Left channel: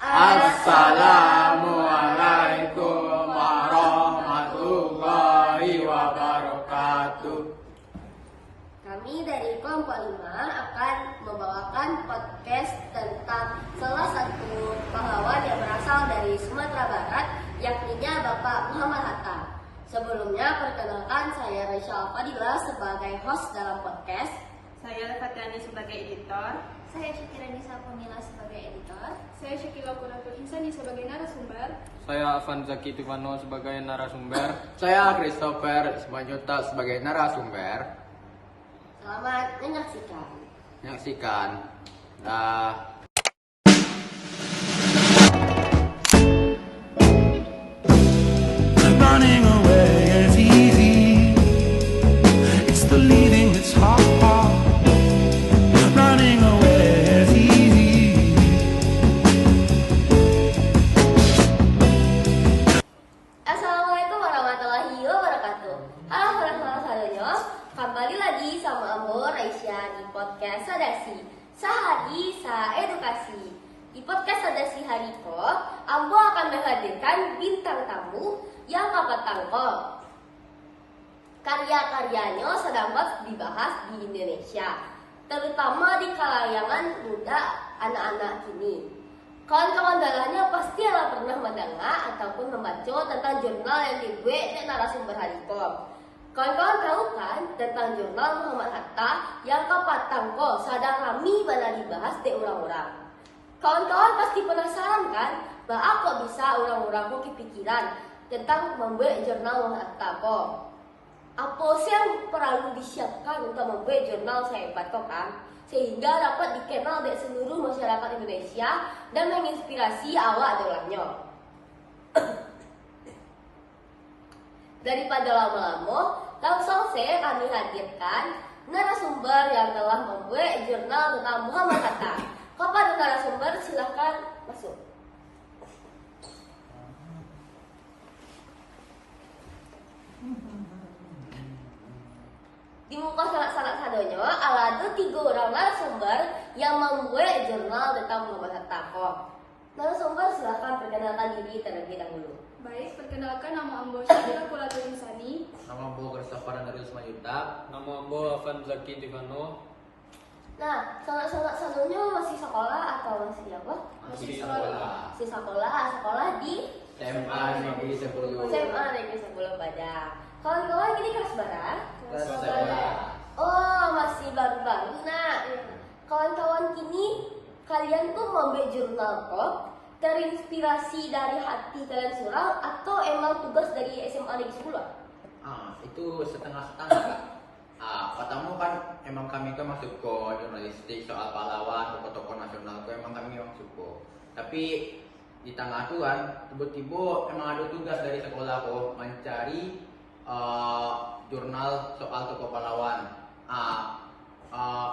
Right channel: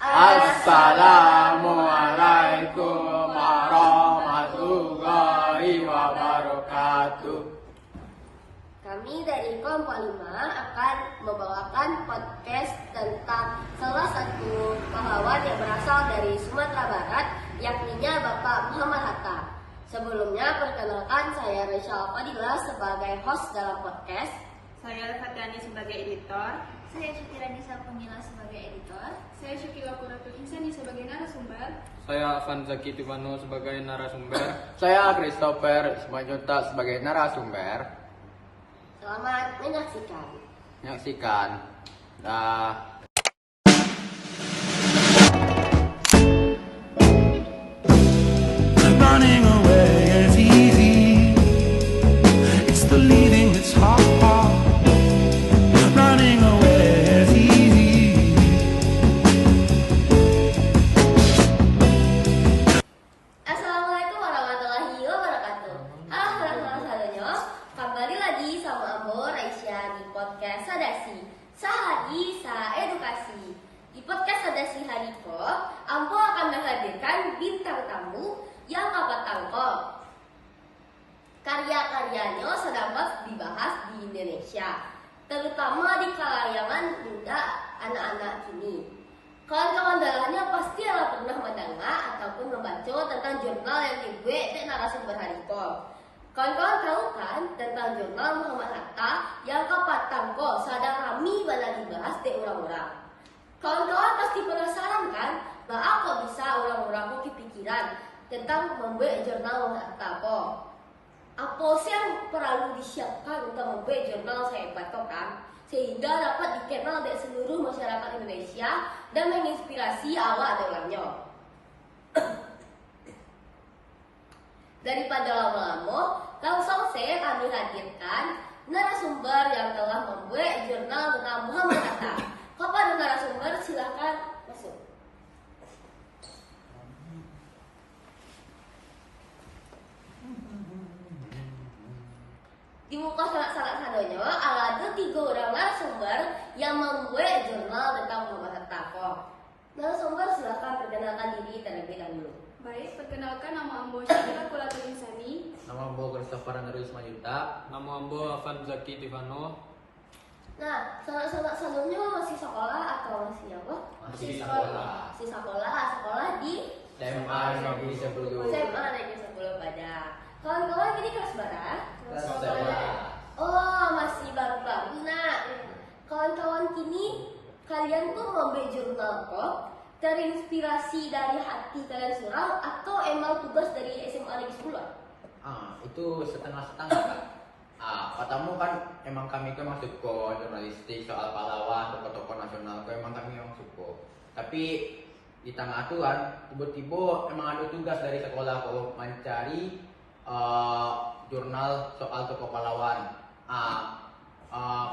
Assalamualaikum warahmatullahi wabarakatuh. Kami dari kelompok 5 akan membawakan podcast tentang salah satu pahlawan yang berasal dari Sumatera Barat, yakni Bapak Muhammad Hatta. Sebelumnya, perkenalkan saya Raisya Fadila sebagai host dalam podcast. Saya Fatiani sebagai editor. Saya Syukira Nisa Pemila sebagai editor. Saya Syukila Kunatul Insani sebagai narasumber. Saya Afan Zaki Tivano sebagai narasumber. Saya Christopher Ismajuta sebagai narasumber. Selamat menyaksikan. Running away is easy. It's the leaving that's hard. Running away is easy. Assalamualaikum warahmatullahi wabarakatuh. Halo saudara saudara, kembali lagi sama Ambo Raisya di podcast Sadasi Sehari Sa Edukasi. Di podcast Sadasi hari ini, Ambo akan menghadirkan bintang tamu yang kapat tangkol. Karya-karyanya sedang dibahas di Indonesia, terutama di kalangan muda anak-anak kini. Kawan-kawan dalahnya pasti adalah pernah mendengar ataupun membaca tentang jurnal yang dibuat di narasumber Harikom. Kawan-kawan tahu kan tentang jurnal Muhammad Hatta yang kapat tangkol sedang kami malah dibahas di orang-orang. Kawan-kawan pasti penasaran kan bahwa kok bisa orang-orang kok kepikiran tentang membuat jurnal Muhammad Hatta kok. Apa sih yang perlu disiapkan untuk membuat jurnal saya kan? Sehingga dapat dikenal oleh seluruh masyarakat Indonesia dan menginspirasi awak dalamnya. Daripada lama-lama, langsung saya kami hadirkan narasumber yang telah membuat jurnal tentang Muhammad Hatta. Kepada narasumber silahkan masuk. Di muka salah satunya ada 3 orang narasumber yang membuat jurnal tentang Muhammad Hatta. Narasumber silahkan perkenalkan diri terlebih dahulu. Baik, perkenalkan nama Ambo Syukira Kunatul Insani. Nama Ambo Christopher Ismajuta. Nama Ambo Afan Zaki Tivano. Nah, salah-satunya masih sekolah atau masih apa? Masih sekolah. Masih sekolah di SMA Negeri 10. SMA Negeri 10 Padang. Kawan-kawan ini kelas berapa? Kelas 11. Oh, masih baru-baru. Nah, kawan-kawan kini kalian tuh membuat jurnal kok terinspirasi dari hati kalian surau atau emang tugas dari SMA Negeri 10? Itu setengah-setengah, Kak. Pertama kan emang kami kan masuk ke jurnalistik soal pahlawan, tokoh-tokoh nasional itu emang kami yang suka. Tapi di tengah itu kan tiba-tiba emang ada tugas dari sekolah kok mencari jurnal soal tokoh pahlawan.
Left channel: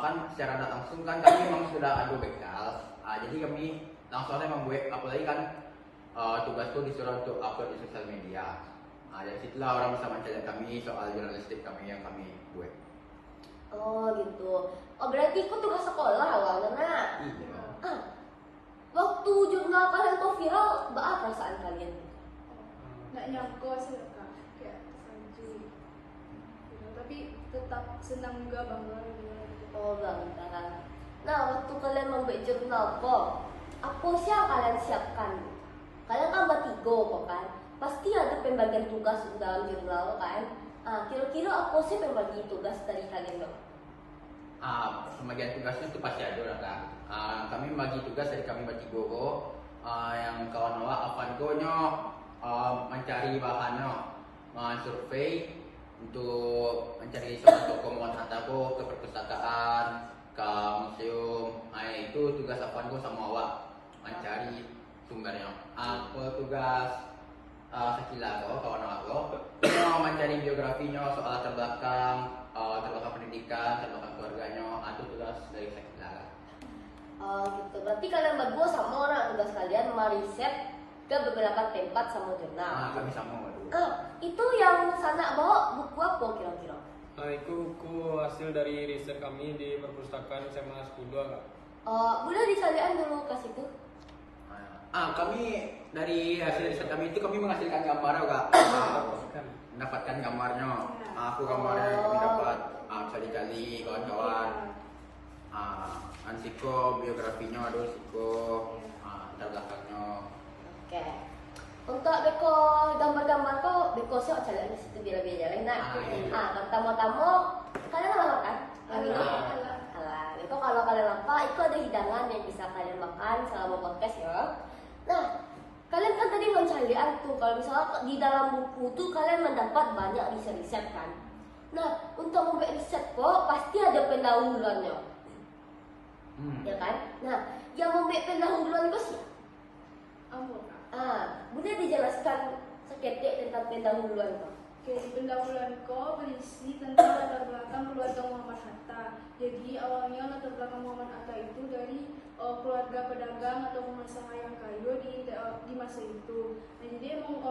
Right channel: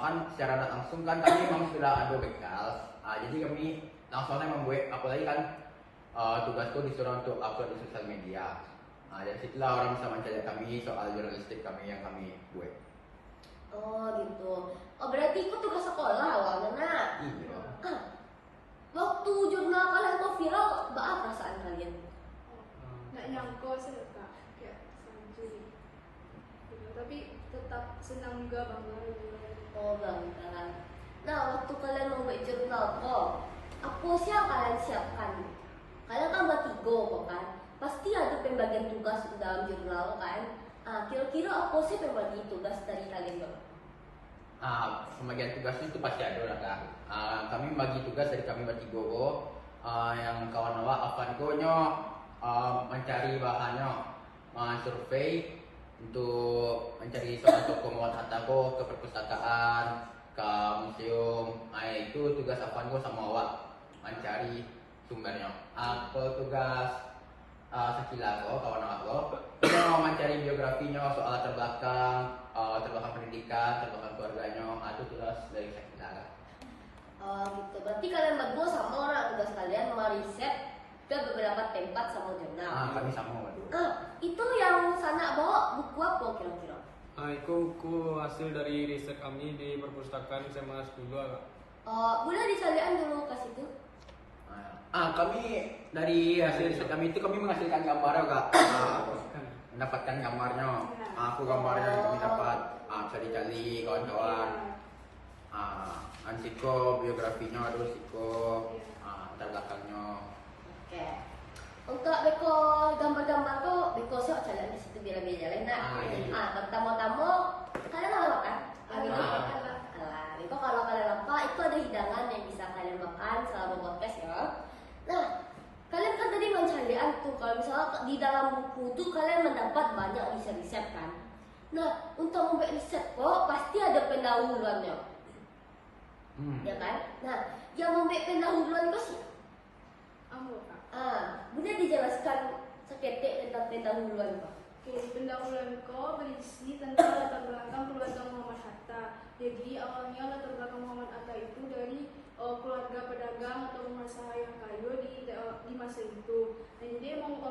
Kan secara langsung kan kami memang sudah ada bekal. Jadi kami langsung membuat, apalagi kan tugasku disuruh untuk upload di sosial media. Dari situlah orang bisa mencari kami soal jurnalistik kami yang kami buat. Oh gitu. Oh berarti itu tugas sekolah awalnya nah. Iya. Waktu jurnal kalian tuh viral, apa perasaan kalian? Nggak nyangka sih kak, kayak sanjuri. Gitu. Tapi tetap senang juga bangga juga. Oh bangga. Nah waktu kalian membuat jurnal kok, apa sih yang kalian siapkan? Kalian kan bertiga kok kan? Pasti ada pembagian tugas dalam jurnal kan? Kira-kira apa sih pembagi tugas dari kalian bang? Pembagian tugas itu pasti ada lah kan. Kami bagi tugas dari kami bertiga. Yang kawan awak Afan Gonyo mencari bahannya, survei untuk mencari soal tokoh Muhammad Hatta ke perpustakaan, ke museum. Itu tugas Afan Go sama awak mencari sumbernya. Kalau tugas sekilas kawan awak mencari biografinya, soal latar belakang pendidikan, latar belakang keluarganya. Itu tugas dari sekilas. Oh gitu. Berarti kalian berdua sama orang tugas kalian meriset ke beberapa tempat sama jurnal. Kami sama berdua. Itu yang sana bawa buku apa kira-kira? Itu buku hasil dari riset kami di perpustakaan SMA 10 Kak. Boleh dicarikan dulu ke situ? Kami dari hasil riset kami itu kami menghasilkan gambar juga. Mendapatkan gambarnya. Aku gambarnya yang kami dapat. Cari-cari kawan-kawan. Ansiko biografinya, aduh Siko, latar belakangnya. Oke. Untuk beko gambar-gambar kok beko sih cari di situ biar-biar nah. Pertama-tama kalian apa makan? Halal. Itu kalau kalian lapar itu ada hidangan yang bisa kalian makan selama podcast ya. Nah, kalian kan tadi mencarian tuh kalau misalnya di dalam buku tuh kalian mendapat banyak riset-riset kan. Nah, untuk membuat riset kok pasti ada pendahuluannya. Ya kan? Nah, yang membuat pendahuluan kok sih? Boleh dijelaskan seketik tentang pendahuluan Pak? Oke, di pendahuluan ko berisi tentang latar belakang keluarga Muhammad Hatta. Jadi awalnya latar belakang Muhammad Hatta itu dari keluarga pedagang atau pengusaha yang kaya di masa itu. Nah, jadi emang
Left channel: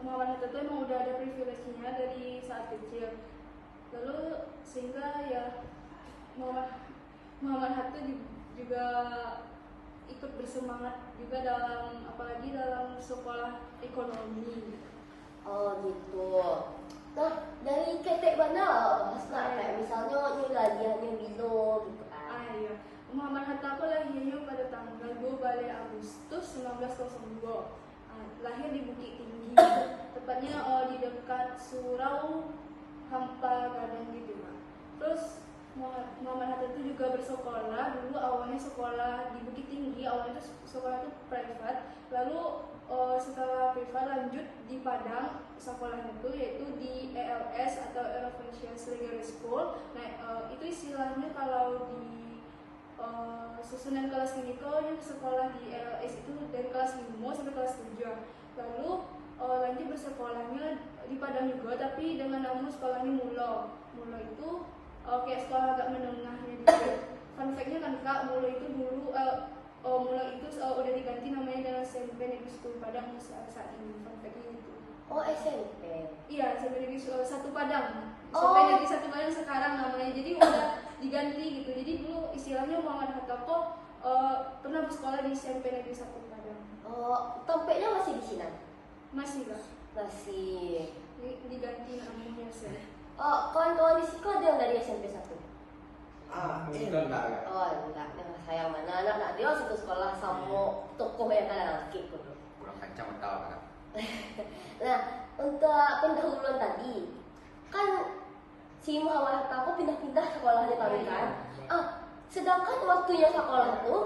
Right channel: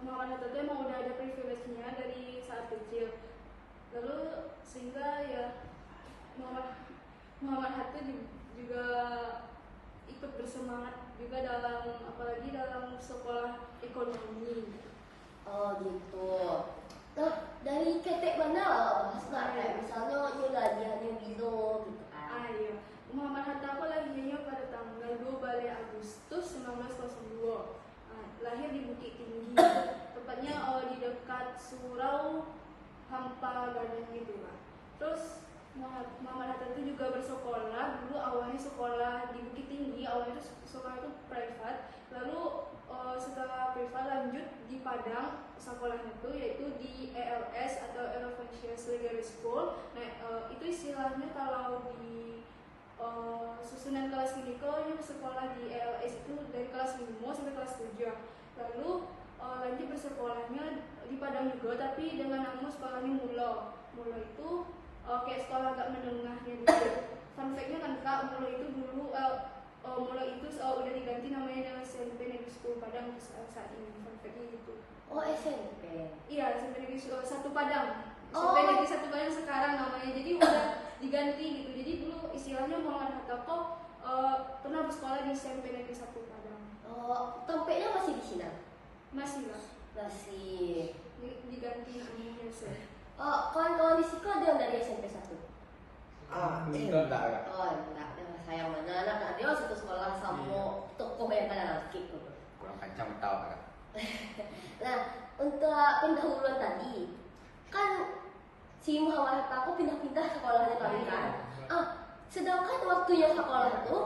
Muhammad Hatta itu emang udah ada privilege-nya dari saat kecil. Lalu sehingga ya Muhammad Hatta juga ikut bersemangat juga apalagi dalam sekolah ekonomi. Oh gitu. Nah, dari ketek mana kayak misalnya lahirnya Bilo gitu kan. Iya. Muhammad Hatta lahirnya pada tanggal 2 Agustus 1902. Lahir di Bukit Tinggi, tepatnya di dekat Surau Hampa Gadang gitu lah. Terus Muhammad Hatta itu juga bersekolah dulu awalnya sekolah di Bukit Tinggi, awalnya itu sekolah itu privat, lalu setelah privat lanjut di Padang sekolahnya itu yaitu di ELS atau Elevation Secondary School. Nah itu istilahnya kalau di susunan kelas kliniknya sekolah di ELS itu dari kelas 5 sampai kelas 7. Lalu lanjut bersekolahnya di Padang juga tapi dengan nama sekolahnya Mulo. Mulo itu kayak sekolah agak menengahnya dikit. Fun fact-nya kan Kak, Mulo itu dulu Mulo itu udah diganti namanya dengan SMP Negeri 1 Padang saat ini. Fun fact-nya itu. Oh SMP. Iya, SMP Negeri 1 Padang. SMP Negeri 1 Padang sekarang namanya. Jadi udah diganti gitu. Jadi dulu istilahnya Muhammad Hatta kok pernah bersekolah di SMP Negeri 1 Padang. Oh, tempatnya masih di sini? Masih lah. Masih. Diganti namanya sih. Oh, kawan-kawan di Siko ada yang dari SMP 1? Enggak. Oh, enggak. Nah, saya mana anak dia satu sekolah sama tokoh yang kalian skip gitu. Kurang kencang tahu Kak. Nah, untuk pendahuluan tadi, kan si Muhammad Hatta aku pindah-pindah sekolahnya kami kan. Sedangkan waktunya sekolah itu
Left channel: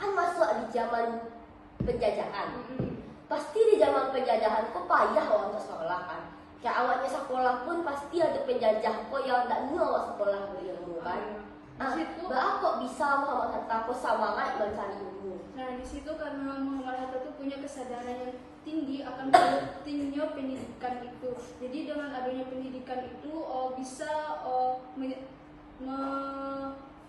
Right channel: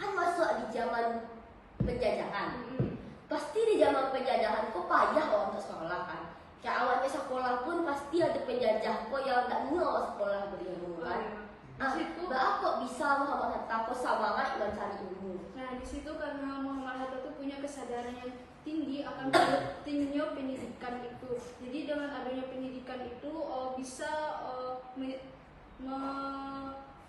kan masuk di zaman penjajahan. Pasti di zaman penjajahan kok payah loh untuk sekolah kan. Kayak awalnya sekolah pun pasti ada penjajah kok yang nggak mau sekolah berilmu kan. Kok bisa Muhammad Hatta kok semangat mencari ilmu. Nah di situ karena Muhammad Hatta tuh punya kesadaran yang tinggi akan pentingnya pendidikan itu. Jadi dengan adanya pendidikan itu bisa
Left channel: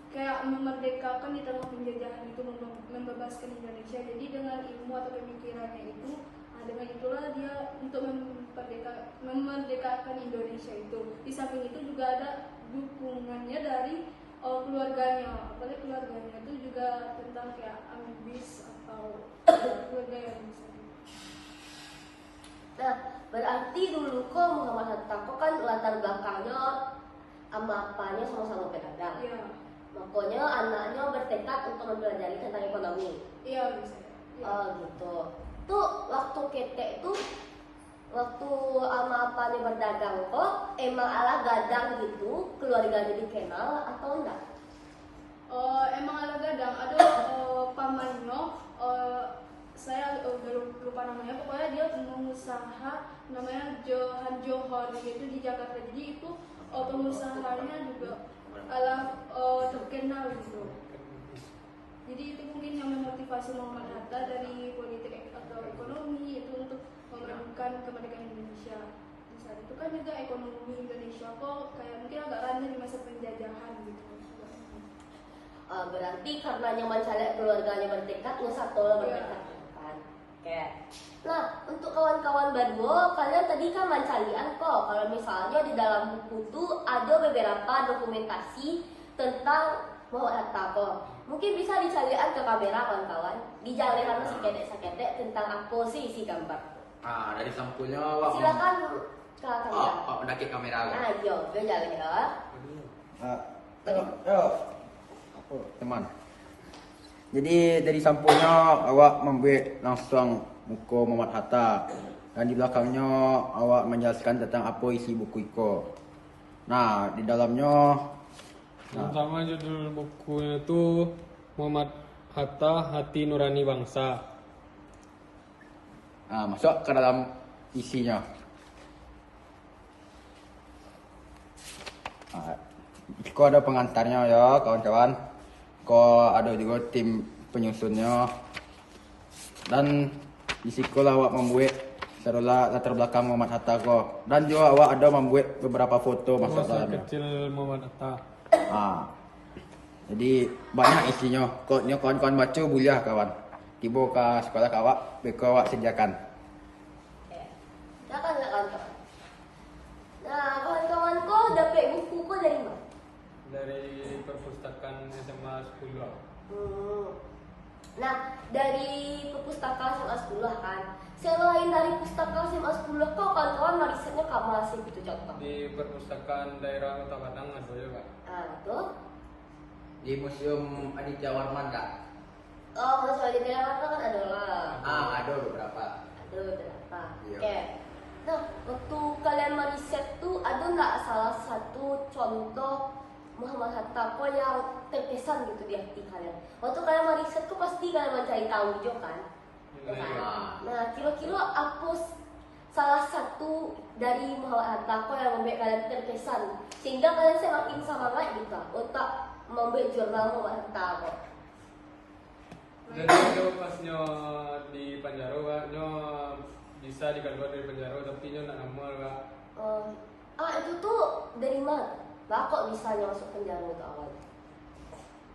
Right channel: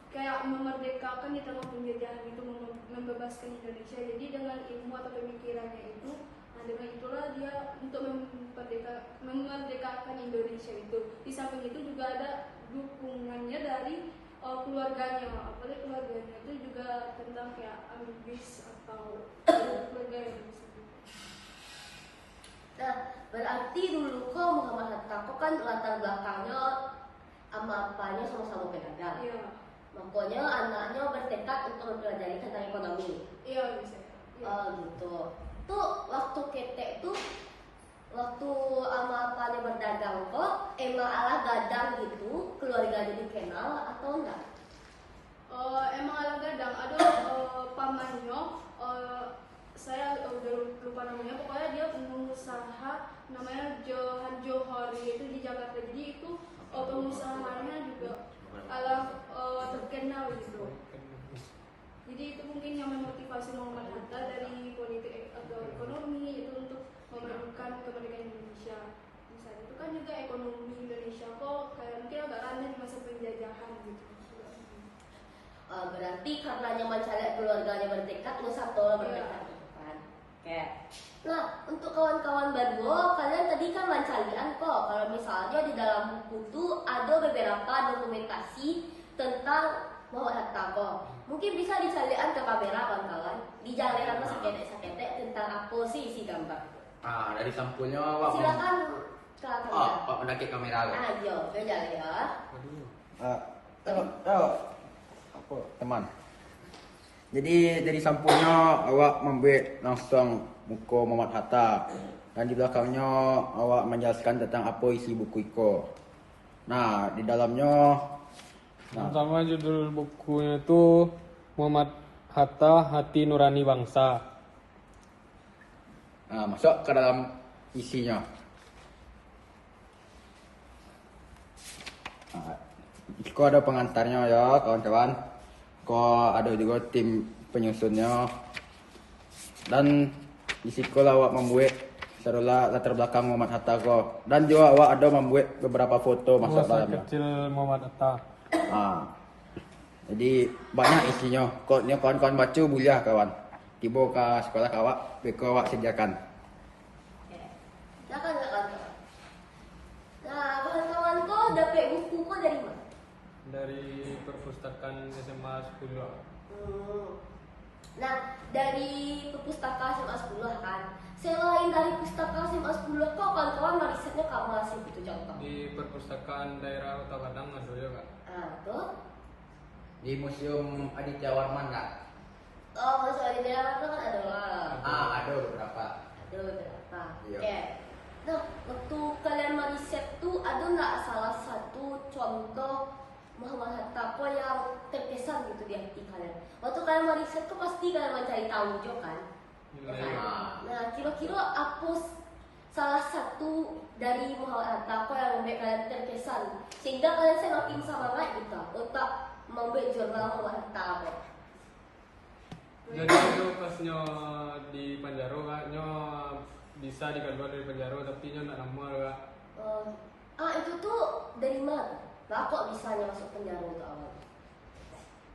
kayak memerdekakan di tengah penjajahan itu, membebaskan Indonesia. Jadi dengan ilmu atau pemikirannya itu, dengan itulah dia untuk memerdekakan Indonesia itu. Di samping itu juga ada dukungannya dari keluarganya, apalagi keluarganya itu juga tentang kayak ambis atau keluarga yang bisa gitu. Nah, berarti dulu kok Muhammad Hatta kok kan latar belakangnya sama apanya sama-sama pedagang. Iya. Makanya anaknya bertekad untuk mempelajari tentang ekonomi. Iya bisa. Ya. Oh gitu. Tuh waktu ketek tuh waktu sama apanya berdagang kok emang ala gadang gitu keluarganya dikenal atau enggak? Emang ala gadang ada pamannya. Saya udah lupa namanya, pokoknya dia pengusaha namanya Johan Johori itu di Jakarta. Jadi itu pengusahanya juga ala terkenal gitu. Jadi itu mungkin yang memotivasi Muhammad Hatta dari politik atau ekonomi itu untuk memajukan kemerdekaan Indonesia. Di saat itu kan juga ekonomi Indonesia kok kayak mungkin agak rendah di masa penjajahan gitu. Berarti karena nyaman cari keluarganya bertekad, satu orang bertekad gitu kan. Oke. Nah, untuk kawan-kawan Badwo, kalian tadi kan mencarian kok kalau misalnya di dalam buku tuh ada beberapa dokumentasi tentang Muhammad Hatta kok. Mungkin bisa disalurkan ke kamera kawan-kawan. Dijalankan sekedek-sekedek tentang apa sih isi gambar. Dari sampulnya awak Silakan ke kamera. Pak mendaki kamera kan. Jo, jalan ya. Apa teman? Jadi dari sampulnya awak membuat langsung muka Muhammad Hatta dan di belakangnya awak menjelaskan tentang apa isi buku itu. Nah, di dalamnya Pertama judul bukunya itu Muhammad Hatta Hati Nurani Bangsa. masuk ke dalam isinya. Kau ada pengantarnya ya kawan-kawan. Kau ada juga tim penyusunnya. Dan di situ awak membuat seolah latar belakang Muhammad Hatta kau. Dan juga awak ada membuat beberapa foto masuk Masa dalamnya. kecil Muhammad Hatta. Jadi banyak isinya. Kodnya kawan-kawan baca boleh kawan. Tiba ke sekolah awak, beko awak sediakan. Silakan. Nah, kawan-kawan kau dapat buku kau dari mana? Dari perpustakaan SMA 10. Nah, dari perpustakaan SMA 10 kan. Selain dari pustaka SMA 10 kau kawan-kawan risetnya kak masih gitu contoh. Di perpustakaan daerah Kota Padang ada juga. Tuh. Di Museum Aditya Warman kak? Oh, kalau soal jalan kan ada lah. Ada beberapa. Ada beberapa. Iya. Oke. Nah, waktu kalian meriset tuh ada nggak salah satu contoh Muhammad Hatta kok yang terkesan gitu di hati kalian? Waktu kalian meriset tuh pasti kalian mencari tahu juga kan? Nah, kira-kira apa salah satu dari Muhammad Hatta kok yang membuat kalian terkesan sehingga kalian semakin semangat gitu untuk membuat jurnal Muhammad Hatta kok? Jadi itu pasnya di Panjaro nyo bisa dikeluar dari penjara tapi nyo nak nama kak. Itu tuh dari mana? Lah kok bisa masuk penjara itu awal?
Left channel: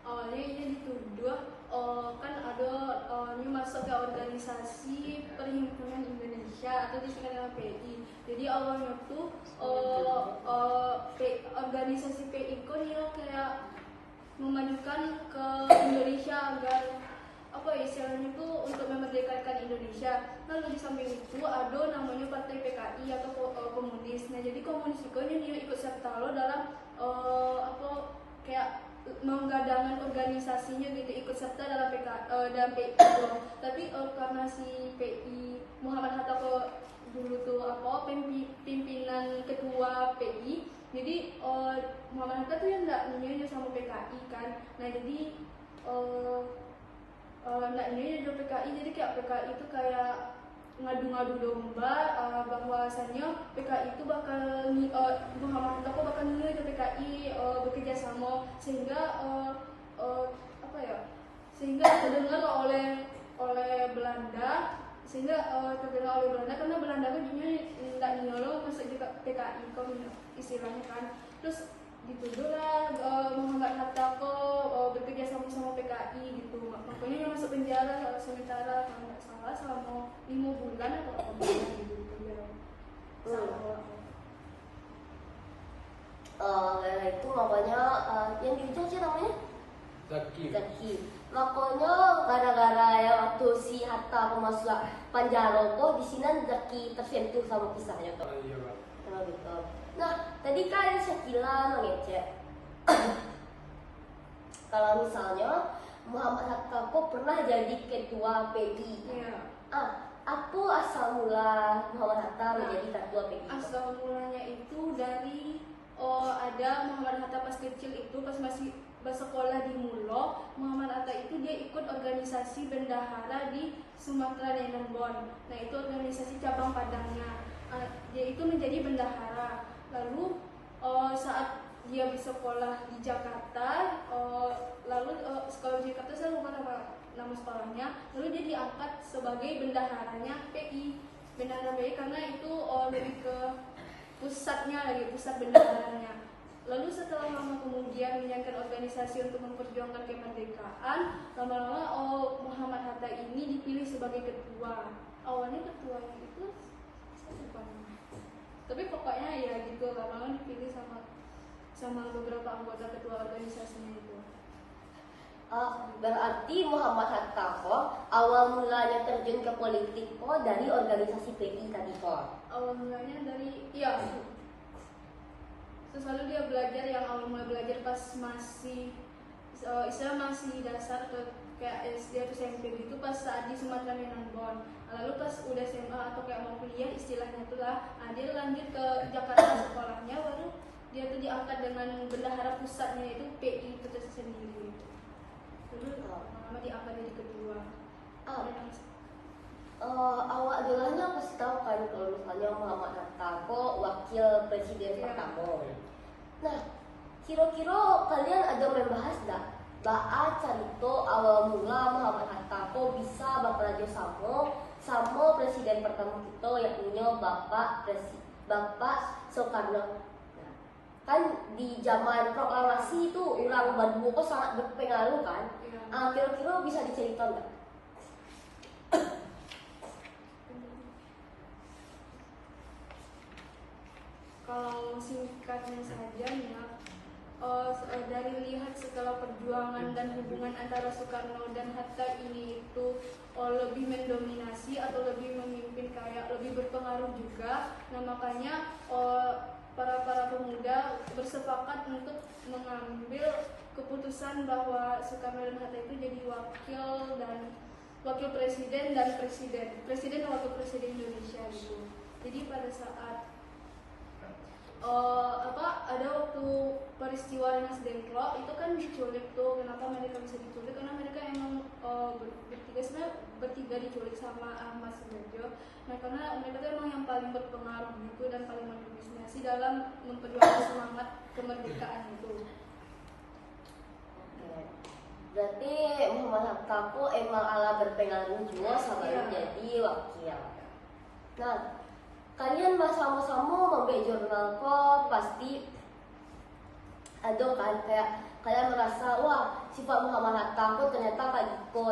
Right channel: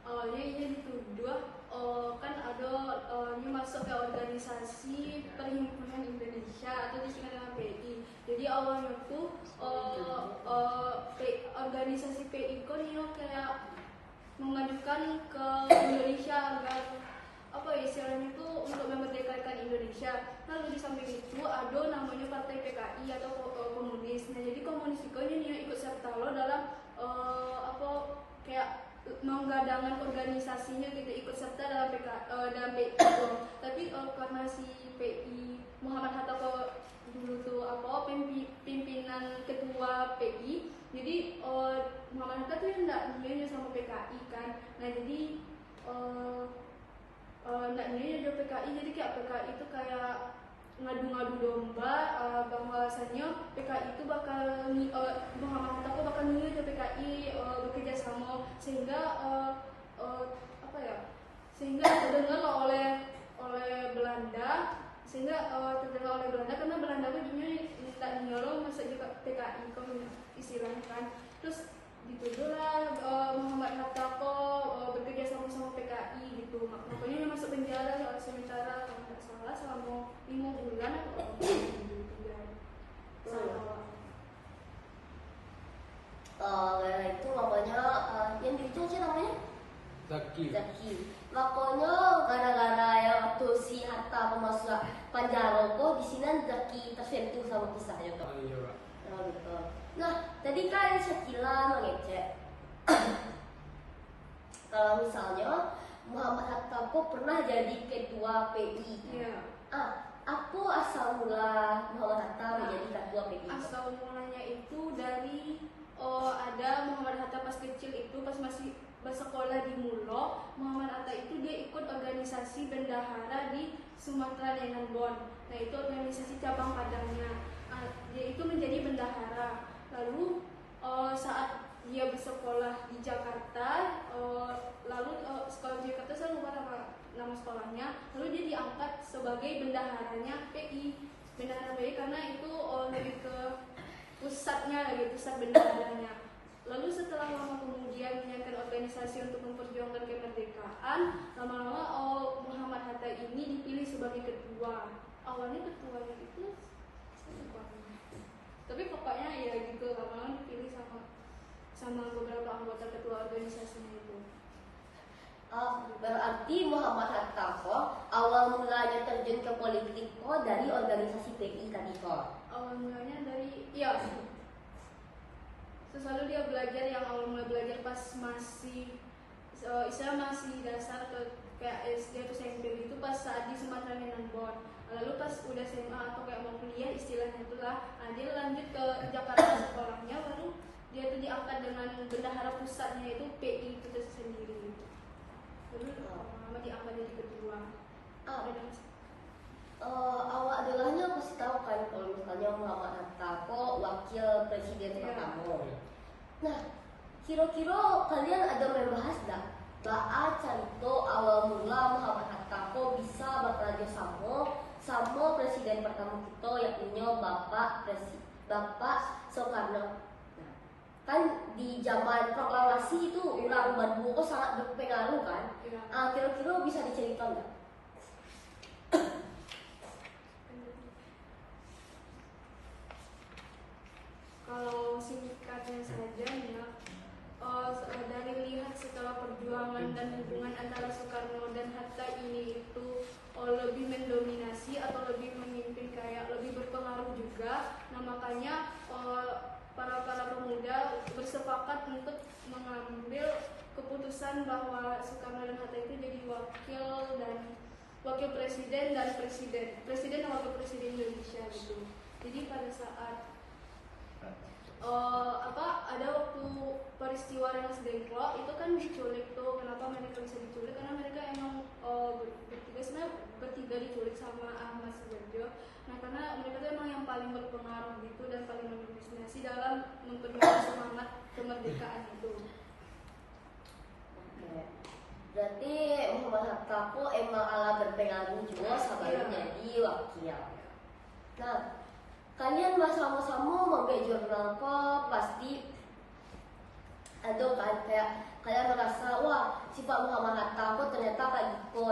Awalnya ini dituduh kan ada ini masuk ke organisasi Perhimpunan Indonesia atau disingkat dengan PI. Jadi awalnya tuh organisasi PI kok nih kayak memajukan ke Indonesia agar apa ya istilahnya itu untuk memerdekakan Indonesia. Lalu di samping itu ada namanya Partai PKI atau komunis. Nah jadi komunis itu nih ikut serta lo dalam apa kayak menggadangkan organisasinya gitu ikut serta dalam dalam PI gitu. Tapi karena si PI Muhammad Hatta dulu tuh apa pimpinan ketua PI, jadi Muhammad Hatta tuh yang nggak nyanyi sama PKI kan. Nah jadi nggak nyanyi sama PKI, jadi kayak PKI itu kayak ngadu-ngadu domba bahwasanya PKI itu bakal Muhammad Hatta bakal nyanyi sama PKI bekerja sama sehingga apa ya sehingga terdengar oleh Belanda karena Belanda tuh nggak nyolong masuk juga PKI kok istilahnya kan. Terus dituduhlah Muhammad Hatta bekerja sama PKI gitu, makanya masuk penjara sementara kalau nggak salah selama 5 bulan atau apa gitu di penjara. Itu makanya yang diucap sih namanya Zaki. Makanya gara-gara ya waktu si Hatta masuk penjara kok di sini Zaki tersentuh sama kisahnya kok. Iya kak. Gitu. Nah, tadi kan sekilas mengecek kalau misalnya Muhammad Hatta kok pernah jadi ketua PI. Iya. Apa asal mula Muhammad Hatta menjadi ketua PI? Asal mulanya itu dari ada Muhammad Hatta pas kecil itu pas masih bersekolah di Mulo, Muhammad Hatta itu dia ikut organisasi bendahara di Sumatera Nenambon. Nah itu organisasi cabang Padangnya. Dia itu menjadi bendahara. Lalu saat dia bersekolah di Jakarta, sekolah di Jakarta saya lupa nama sekolahnya. Lalu dia diangkat sebagai bendaharanya PI, bendahara PI karena itu lebih ke pusat bendaharanya. Lalu setelah lama kemudian menjalankan organisasi untuk memperjuangkan kemerdekaan, lama-lama Muhammad Hatta ini dipilih sebagai ketua. Awalnya ketuanya itu saya lupa. Tapi pokoknya ya gitu, lama-lama dipilih sama beberapa anggota ketua organisasinya itu. Berarti Muhammad Hatta kok awal mulanya terjun ke politik kok dari organisasi PI tadi kok. Awal mulanya dari selalu dia belajar, yang awal mulai belajar pas masih masih dasar kayak SD atau SMP gitu, pas saat di Sumatera Minangkabau. Lalu pas udah SMA atau kayak mau kuliah istilahnya itulah, dia lanjut ke Jakarta sekolahnya, baru dia tuh diangkat dengan bendahara pusatnya itu PI itu tersendiri gitu. Lalu lama diangkat jadi kedua. Awak dolanya pasti tahu kan kalau misalnya Muhammad Hatta kok wakil presiden pertama. Nah, kira-kira kalian ada membahas dah cerita awal mula Muhammad Hatta kok bisa bekerja sama presiden pertama kita yakni Bapak Soekarno. Nah, kan di zaman proklamasi itu orang Bandung kok sangat berpengaruh kan. Kira-kira bisa diceritakan nggak? Kalau singkatnya saja nih ya, dari lihat setelah perjuangan dan hubungan antara Soekarno dan Hatta ini itu lebih mendominasi atau lebih memimpin, kayak lebih berpengaruh juga. Nah makanya para pemuda bersepakat untuk mengambil keputusan bahwa Soekarno dan Hatta itu jadi wakil presiden dan wakil presiden Indonesia gitu. Jadi pada saat ada waktu peristiwa Rengas Dengklok itu kan diculik tuh. Kenapa mereka bisa diculik? Karena mereka emang bertiga diculik sama Ahmad Sudarjo. Nah karena mereka tuh emang yang paling berpengaruh gitu dan paling mendominasi dalam memperjuangkan semangat kemerdekaan itu. Berarti Muhammad Hatta kok emang ala berpengaruh juga sampai jadi wakil. Nah, kalian sama-sama membuat jurnal kok pasti ada kan kayak kalian merasa wah sifat Muhammad Hatta kok ternyata kayak gitu.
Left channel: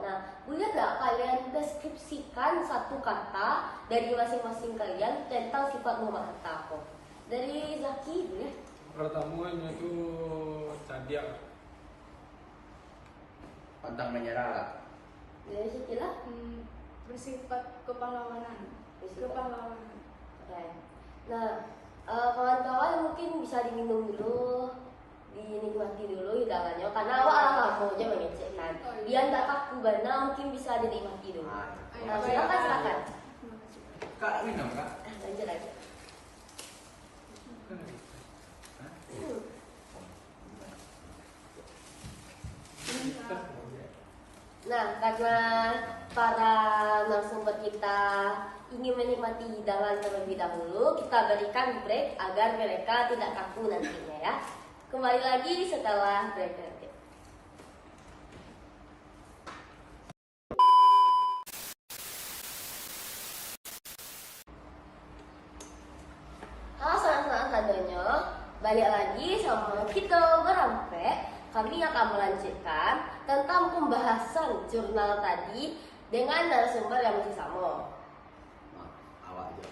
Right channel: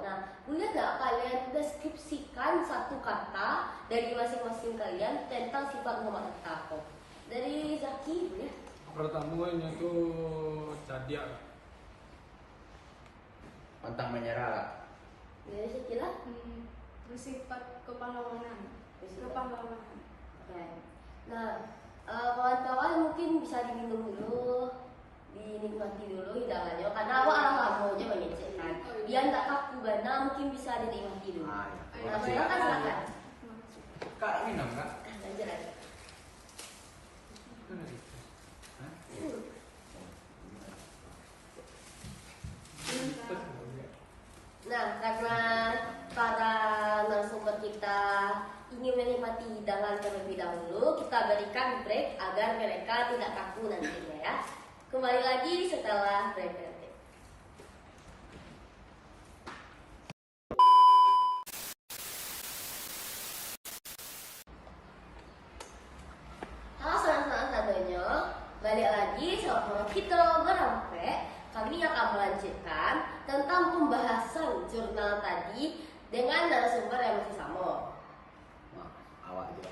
Nah, boleh nggak kalian deskripsikan satu kata dari masing-masing kalian tentang sifat Muhammad Hatta kok? Dari Zaki boleh? Pertama ini tuh cadia. Pantang menyerah. Dari Zaki lah. Bersifat kepahlawanan. Oke. Nah, kawan-kawan mungkin bisa diminum dulu, dinikmati dulu hidangannya karena awak aja mengecekkan. Dia tak kaku bana, mungkin bisa dinikmati dulu. Silakan. Kak minum kak. Nah, karena para narasumber kita ingin menikmati hidangan terlebih dahulu, kita berikan break agar mereka tidak kaku nantinya ya. Kembali lagi setelah break nanti. Halo sanak-sanak sadonyo, balik lagi sama kita berampe. Kami akan melanjutkan tentang pembahasan jurnal tadi dengan narasumber yang masih sama. Nah, awak aja.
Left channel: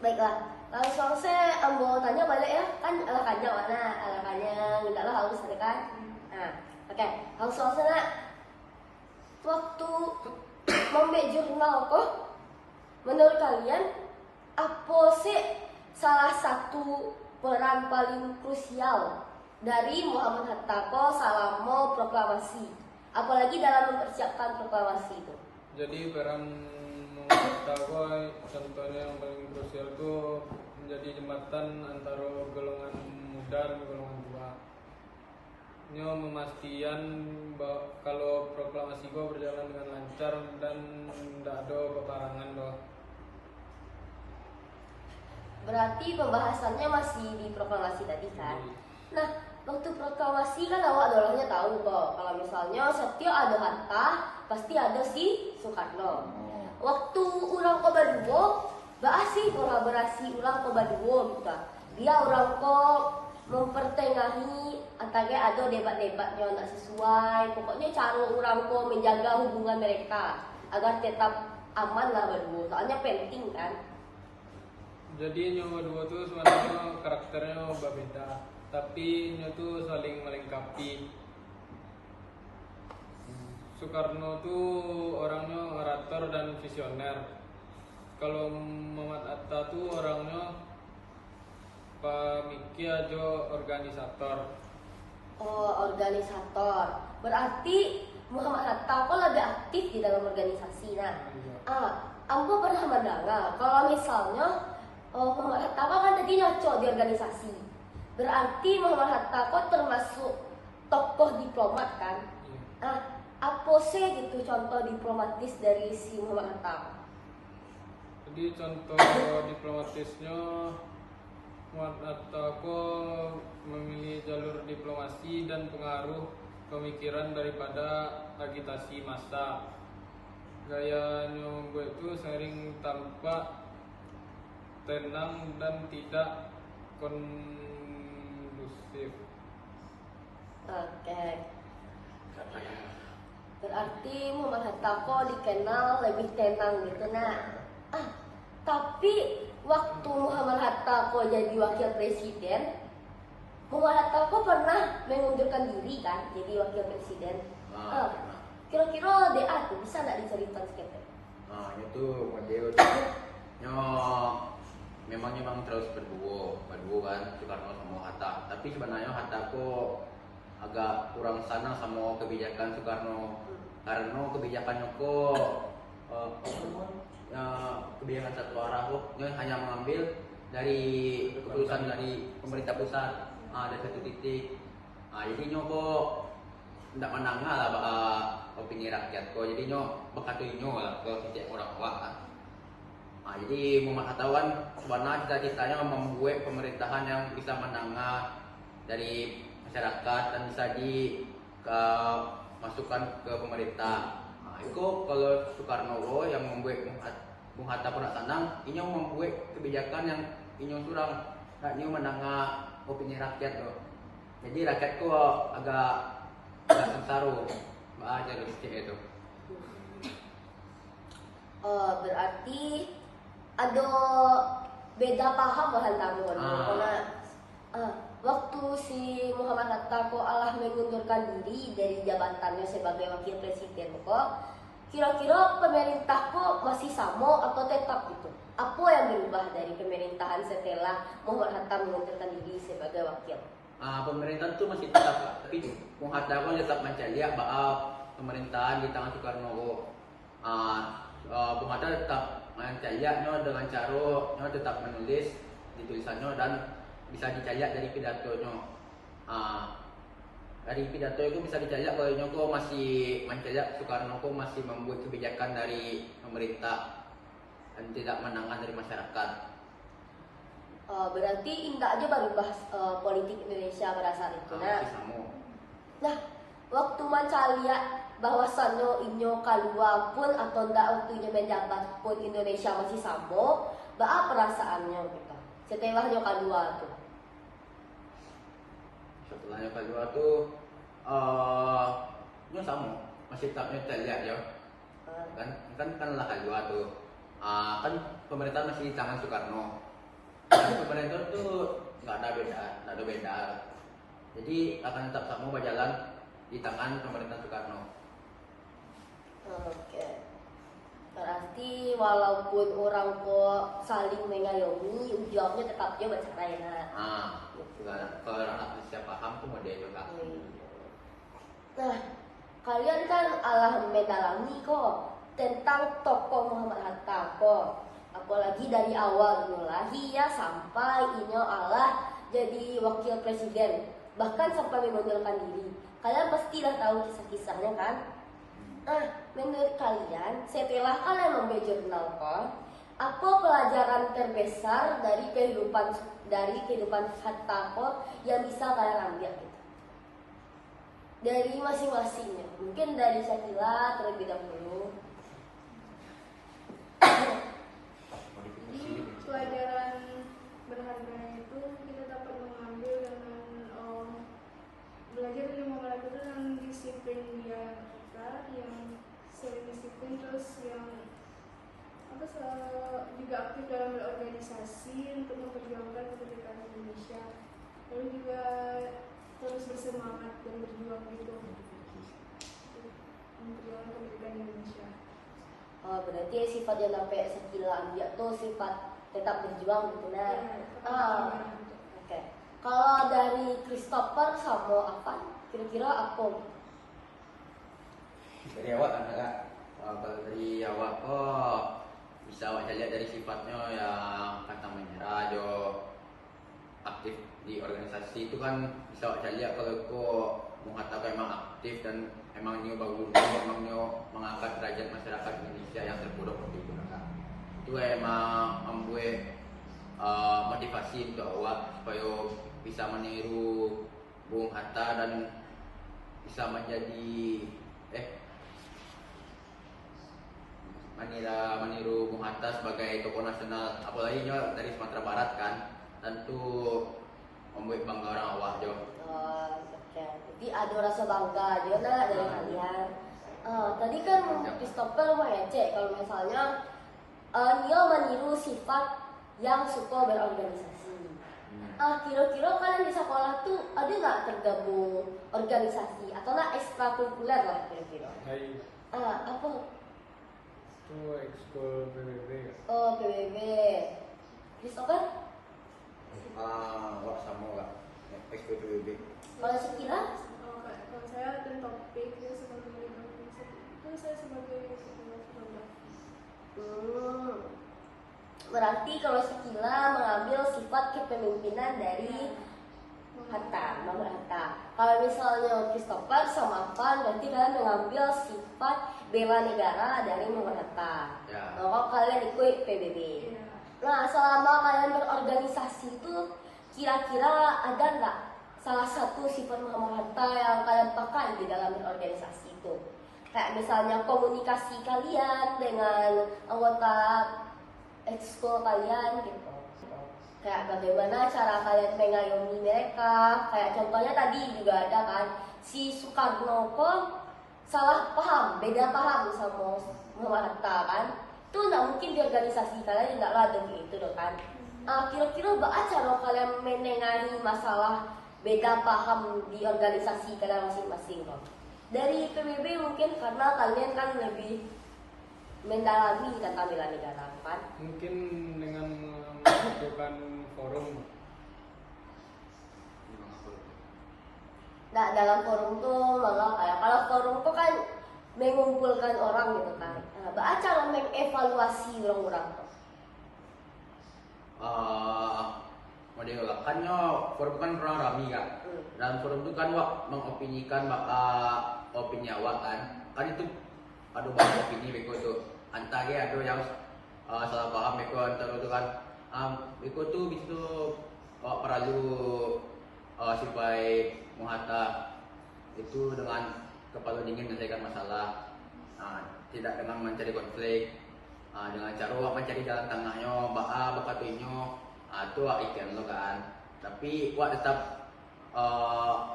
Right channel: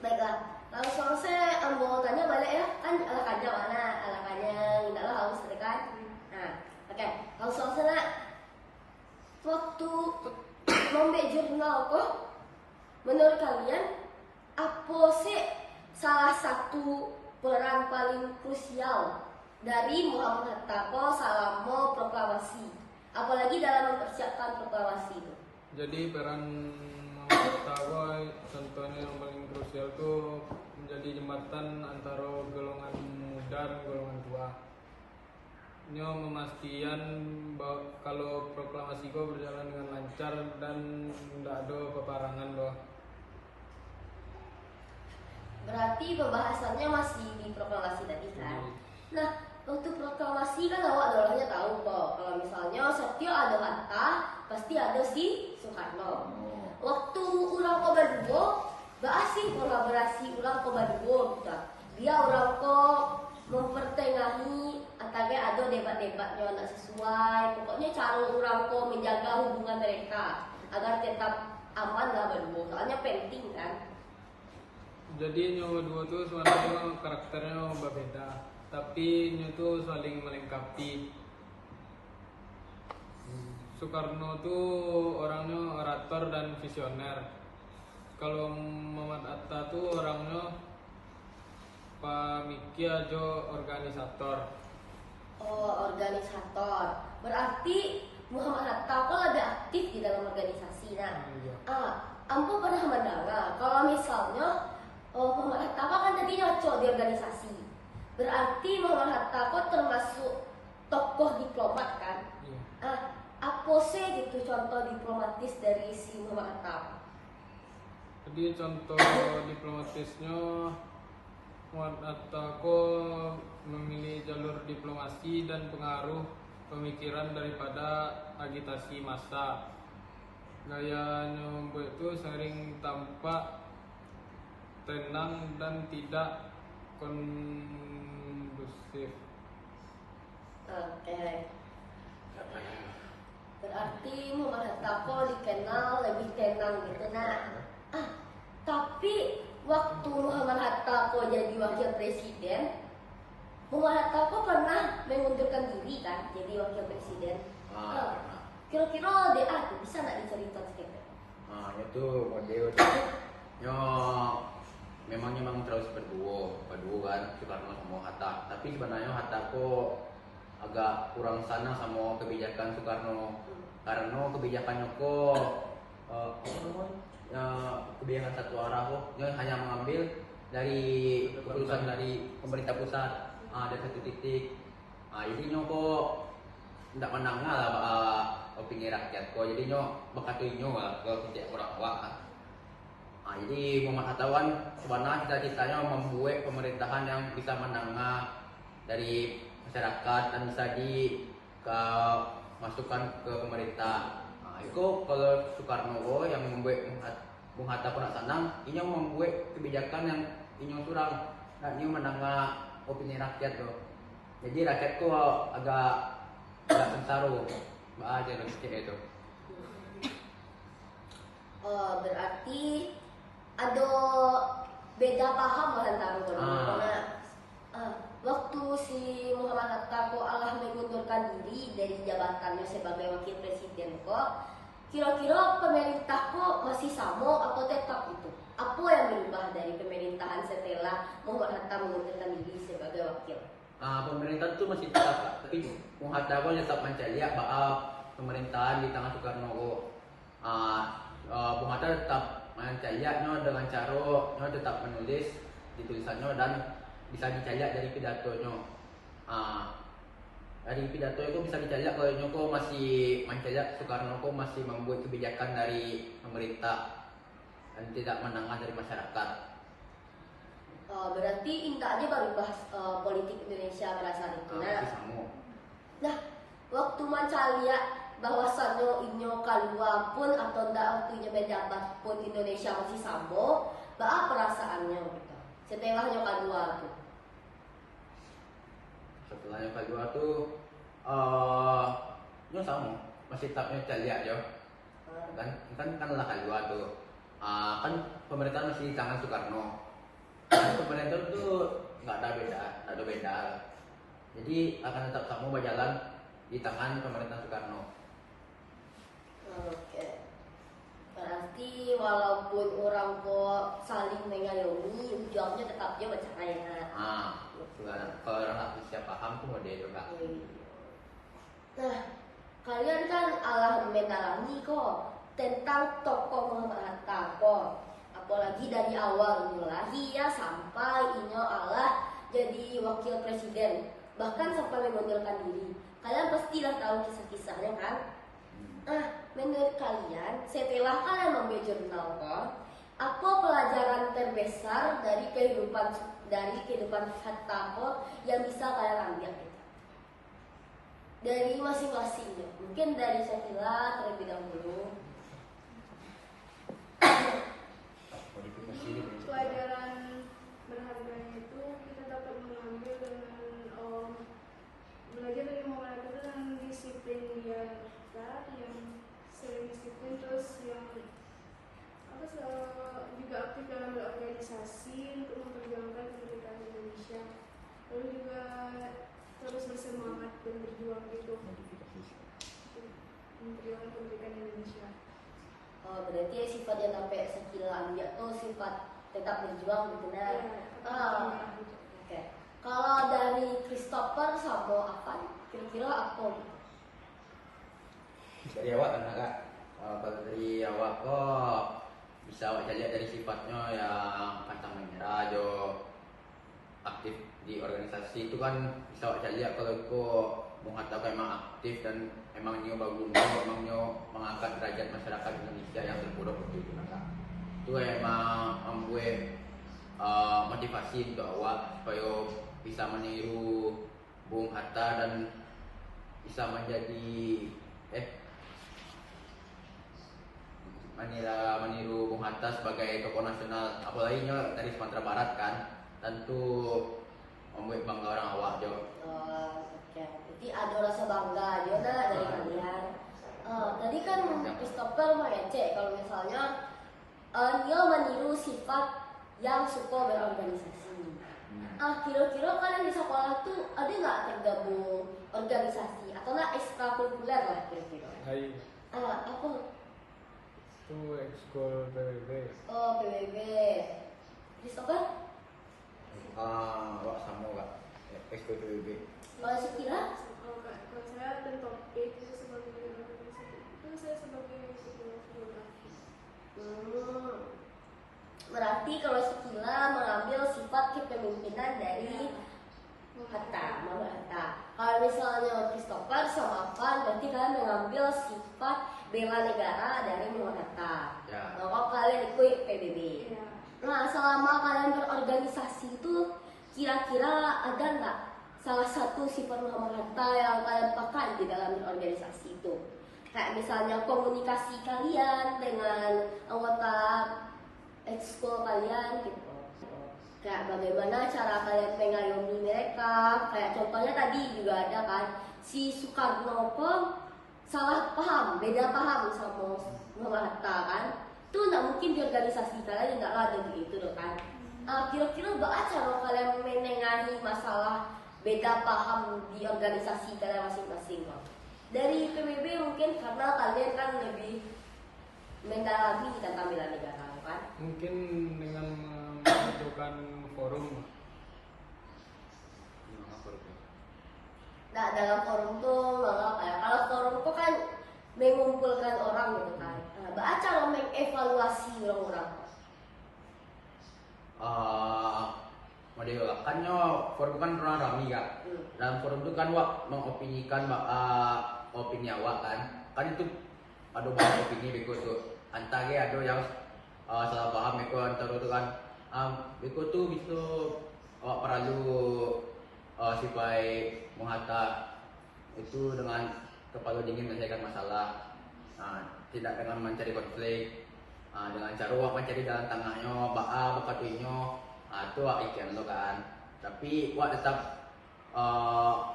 Baiklah, langsung saya ambil tanya balik ya, kan alakannya mana? Alakannya tidaklah harus kan? Nah, oke, langsung saya waktu membuat jurnal kok, menurut kalian apa sih salah satu peran paling krusial dari Muhammad Hatta selama proklamasi, apalagi dalam mempersiapkan proklamasi itu? Jadi peran Hatta contohnya yang paling krusial itu menjadi jembatan antara golongan muda dan golongan tua. Ini memastikan bahwa kalau proklamasi itu berjalan dengan lancar dan tidak ada peperangan loh. Berarti pembahasannya masih di proklamasi tadi kan? Nah, waktu proklamasi kan awak dolanya tahu kok kalau misalnya setiap ada Hatta pasti ada si Soekarno. Waktu ulang ko berdua, sih kolaborasi ulang ko berdua gitu. Dia orang ko mempertengahi antara ada debat-debatnya tidak sesuai. Pokoknya cara orang ko menjaga hubungan mereka agar tetap aman lah berdua. Soalnya penting kan. Jadi nyo dua tuh sebenarnya karakternya berbeda, tapi nyo tuh saling melengkapi. Soekarno tuh orangnya orator dan visioner. Kalau Muhammad Hatta tuh orangnya pemikir aja organisator. Oh, organisator. Berarti Muhammad Hatta kok lebih aktif di dalam organisasi. Nah, Iya. Ambo pernah mendengar kalau misalnya Muhammad Hatta kok kan tadi ngaco di organisasi. Berarti Muhammad Hatta kok termasuk tokoh diplomat kan? Iya. Apa sih gitu contoh diplomatis dari si Muhammad Hatta? Jadi contoh diplomatisnya Muhammad Hatta kok memilih jalur diplomasi dan pengaruh pemikiran daripada agitasi massa. Gayanya itu sering tampak tenang dan tidak kondusif. Oke. Berarti Muhammad Hatta kok dikenal lebih tenang gitu. Nah, tapi waktu Muhammad Hatta kok jadi wakil presiden, Muhammad Hatta kok pernah mengundurkan diri kan jadi wakil presiden. Pernah. Kira-kira DA tuh bisa nggak diceritakan sedikit? Itu model memang terus berdua kan Soekarno sama Hatta. Tapi sebenarnya Hatta kok agak kurang sana sama kebijakan Soekarno karena kebijakannya kok kebijakan satu arah kok hanya mengambil dari keputusan dari pemerintah pusat ada satu titik. Jadi kok tidak menangnya lah opini rakyat kok jadi bekatuinyo ke setiap orang awak. Jadi Muhammad Hatta sebenarnya cita-citanya membuat pemerintahan yang bisa menengah dari masyarakat dan bisa masukkan ke pemerintah. Itu kalau Soekarno yang membuat Bung Hatta pernah senang, ini membuat kebijakan yang ini surang, dan ini menengah opini rakyat loh. Jadi rakyat kok agak sengsara, aja itu. Oh, berarti ada beda paham antara waktu si Muhammad Hatta kok Allah mengundurkan diri dari jabatannya sebagai wakil presiden kok kira-kira pemerintah kok masih sama atau tetap gitu? Apa yang berubah dari pemerintahan setelah Muhammad Hatta mengundurkan diri sebagai wakil? Pemerintah itu masih tetap lah, tapi Bung Hatta kok tetap mencari bahwa pemerintahan di tangan Soekarno kok. Bung Hatta tetap mencarinya dengan cara tetap menulis di tulisannya dan bisa dicari dari pidatonya. Dari pidato itu bisa dicari kalau kok masih mencari Soekarno kok masih membuat kebijakan dari pemerintah dan tidak menangani dari masyarakat. Berarti indah aja baru bahas politik Indonesia pada saat itu. Nah, waktu mencari bahwasannya inyo kalua pun atau ndak waktunya menjabat pun Indonesia masih sambo, apa perasaannya gitu setelahnya kalua tuh? Setelahnya kalua tuh nyo sama masih tetapnya lihat ya kan lah kalua tuh kan pemerintahan masih di tangan Soekarno. Pemerintah tuh nggak ada beda. Jadi akan tetap sama berjalan di tangan pemerintahan Soekarno. Oke. Berarti walaupun orang kok saling mengayomi, ujungnya tetap dia bercerai. Kalau orang nggak bisa paham tuh mau dia juga. Nah, kalian kan alah mendalami kok tentang tokoh Muhammad Hatta kok. Apalagi dari awal lahir sampai inyo Allah jadi wakil presiden, bahkan sampai mengundurkan diri. Kalian pastilah tahu kisah-kisahnya kan? Menurut kalian setelah kalian membuat jurnal kok, apa pelajaran terbesar dari kehidupan Hatta kok yang bisa kalian ambil? Dari masing-masingnya, mungkin dari Syakila terlebih dahulu. Jadi pelajaran berharganya itu kita dapat mengambil dengan belajar dari Muhammad Hatta dengan disiplin dia yang sering disiplin, terus yang Juga aktif dalam berorganisasi untuk memperjuangkan kemerdekaan Indonesia. Lalu juga terus bersemangat dan berjuang gitu untuk memperjuangkan kemerdekaan Indonesia. Oh, berarti sifat yang sampai sekilan dia tuh sifat tetap berjuang gitu nah. Oke. Kalau dari Christopher sama apa? Kira-kira apa? Dari awak kan kak, kalau dari awak kok bisa awak lihat dari sifatnya yang pantang menyerah, jo aktif di organisasi itu kan bisa awak lihat kalau kok mengatakan emang aktif dan emang nyo bangun, emang nyo mengangkat derajat masyarakat Indonesia yang terpuruk waktu itu kak. Itu emang membuat motivasi untuk awak supaya bisa meniru Bung Hatta dan bisa menjadi meniru Bung Hatta sebagai tokoh nasional, apalagi nyo dari Sumatera Barat kan, tentu membuat bangga orang awak jo. Oke. Jadi ada rasa bangga juga dari kalian. Tadi kan Christopher mengecek kalau misalnya dia meniru sifat yang suka berorganisasi. Kira-kira kalian di sekolah tuh ada nggak tergabung organisasi atau lah ekstrakurikuler lah kira-kira? Hai, Apa? itu ekskul PBB ya. Oh, PBB. Christopher? Awak sama kak, ekskul PBB. Kalau Sekila? Kalau saya dan topik itu sebagai bidang organisasi itu saya sebagai ketua fotografi. Berarti kalau Sekila mengambil sifat kepemimpinan dari Hatta, Mama Hatta. Kalau misalnya Christopher sama Van, berarti kalian mengambil sifat bela negara dari Mama Hatta. Ya. Kalau kalian ikut PBB. Iya. Nah, selama kalian berorganisasi itu, kira-kira ada nggak salah satu sifat Mama Hatta yang kalian pakai di dalam berorganisasi itu? Kayak misalnya komunikasi kalian dengan anggota ekskul kalian gitu. Kayak bagaimana cara kalian mengayomi mereka. Kayak contohnya tadi juga ada kan, si Soekarno kok salah paham, beda paham sama Mama Hatta kan. Itu nggak mungkin di organisasi kalian nggak ada begitu loh kan. Kira-kira apa cara kalian menengahi masalah beda paham di organisasi kalian masing-masing loh? Dari PBB mungkin karena kalian kan lebih mendalami tentang bela negara kan. Mungkin dengan membutuhkan forum. Nah, dalam forum tuh malah kayak kalau forum tuh kan mengumpulkan orang gitu kan. Nah, bagaimana cara mengevaluasi orang-orang? Model kan nyo forum kan pernah rami kan. Dalam forum itu kan wak mengopinikan opini awak kan itu ada banyak opini beko tuh. Antara ada yang salah paham beko antara itu kan beko tuh bisa awak perlu supaya Muhatta itu dengan kepala dingin menyelesaikan masalah, tidak dengan mencari konflik, dengan cara wak mencari jalan tengahnya, bakatuinyo, itu wak ikan lo kan. Tapi wak tetap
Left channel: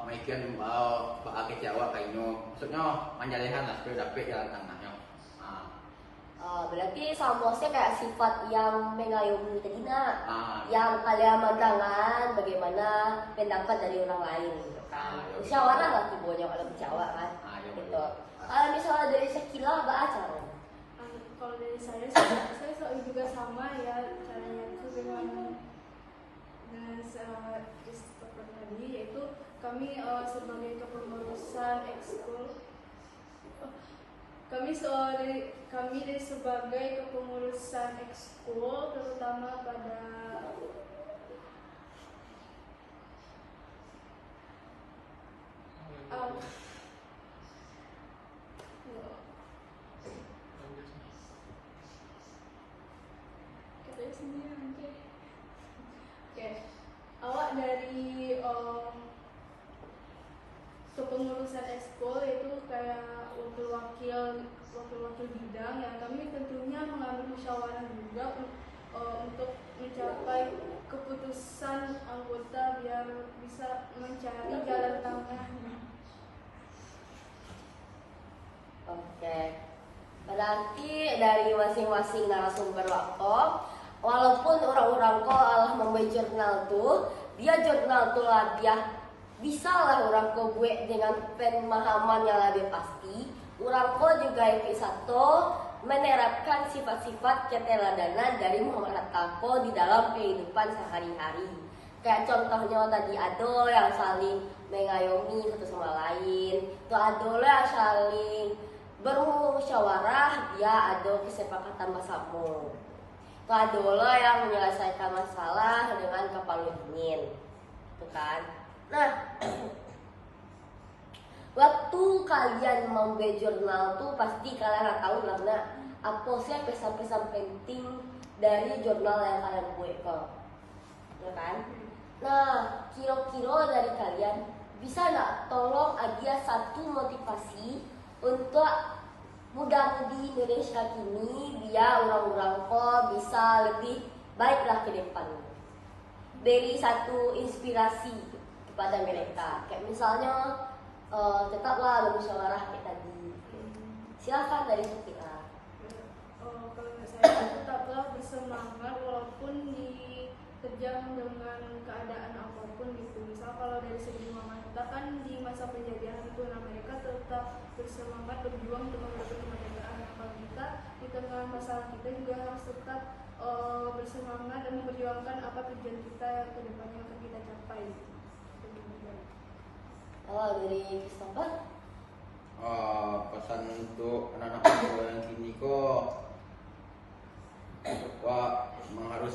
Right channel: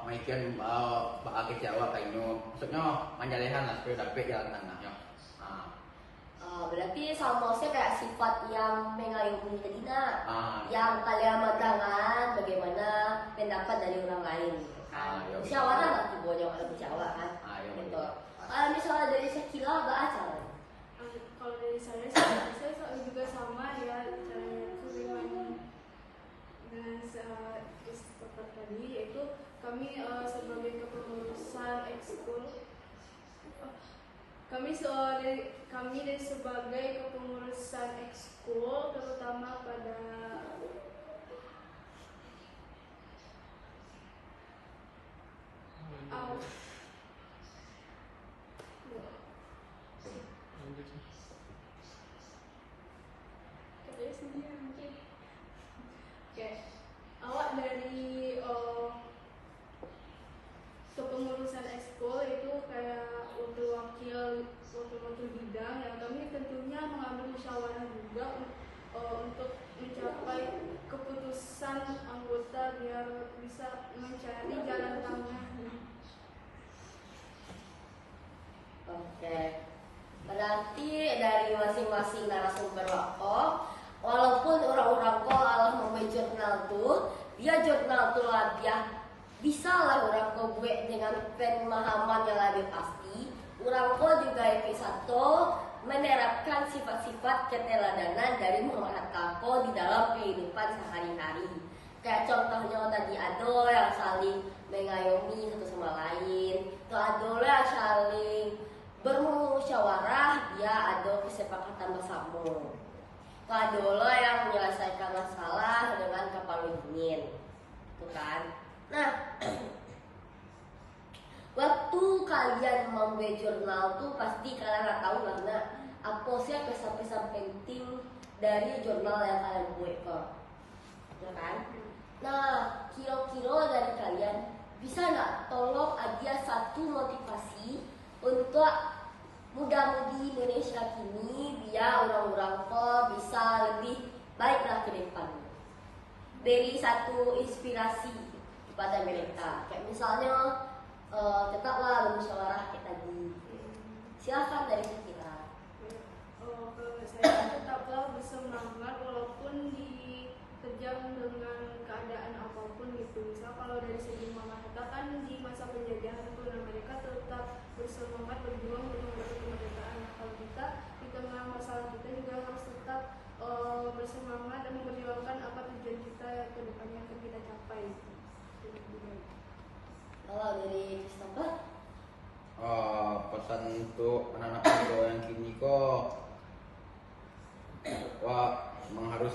maikian kecil awak kayaknya, maksudnya menjalehan lah supaya dapat jalan tengahnya. Berarti samosnya kayak sifat yang mengayomi kedina, yang kalian pandangan bagaimana pendapat dari orang lain gitu kan. Musyawarah lah tuh banyak ada bicara kan. Gitu. Kalau misalnya dari Sekila apa acara? Kalau dari saya selalu juga sama ya caranya itu dengan Christopher tadi, yaitu kami sebagai kepengurusan ekskul kami dari sebagai kepengurusan ekskul terutama pada katanya sendiri nanti. Oke, awak dari kepengurusan ekskul itu kayak wakil bidang yang kami tentunya mengambil musyawarah juga untuk mencapai keputusan anggota biar bisa mencari jalan tengahnya. Oke. Berarti dari masing-masing masing-masing narasumber wako. Walaupun orang-orang ko Allah membuat jurnal tuh, dia jurnal tuh lah dia bisa lah orang ko buat dengan pemahaman yang lebih pasti. Orang ko juga yang satu menerapkan sifat-sifat keteladanan dari Muhammad Hatta ko di dalam kehidupan sehari-hari. Kayak contohnya tadi ado yang saling mengayomi satu sama lain, tuh ado yang saling bermusyawarah, dia ado kesepakatan bersama. Tuh ado yang menyelesaikan masalah dengan kepala dingin, tuh kan. Nah, waktu kalian membuat jurnal tuh pasti kalian tahu karena apa sih pesan-pesan penting dari jurnal yang kalian buat kok, ya kan? Nah, kira-kira dari kalian bisa nggak tolong aja satu motivasi untuk muda-mudi Indonesia kini biar orang-orang kok bisa lebih baiklah ke depan. Beri satu inspirasi kepada mereka. Kayak misalnya tetaplah bermusyawarah kayak tadi. Silakan dari kita. Kalau saya tetaplah bersemangat walaupun diterjang dengan keadaan apapun gitu. Misal kalau dari segi Muhammad Hatta kan di masa penjajahan itu, nah mereka tetap bersemangat berjuang untuk mendapat kemerdekaan. Nah, kalau kita di tengah masalah kita juga harus tetap bersemangat dan memperjuangkan apa tujuan kita ke depannya akan kita capai. Kalau dari Christopher, Pesan untuk anak-anak muda yang kini kok, wah memang harus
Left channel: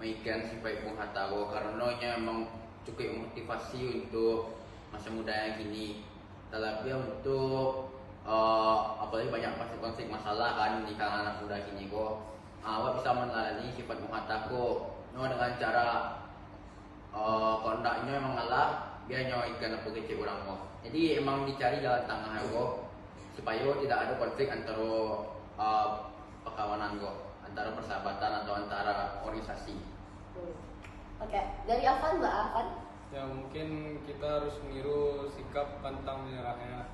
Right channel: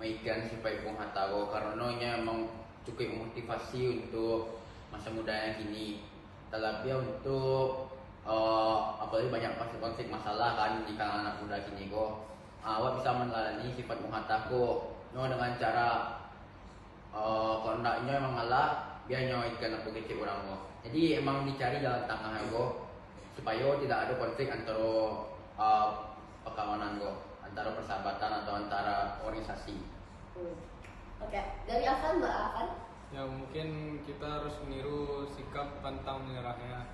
mainkan sifat Bung Hatta ko, karena emang cukup motivasi untuk masa muda yang kini. Tapi untuk apalagi banyak konflik masalah kan di kalangan anak muda kini ko, awak bisa meneladani sifat Bung Hatta ko dengan cara kondaknya emang ngalah biarnya ikan apa kecil orang ko. Jadi emang dicari jalan tengah ko supaya tidak ada konflik antara perkawanan ko, antara persahabatan atau antara organisasi. Oke, dari Afan Mbak Afan. Ya mungkin kita harus meniru sikap pantang menyerahnya.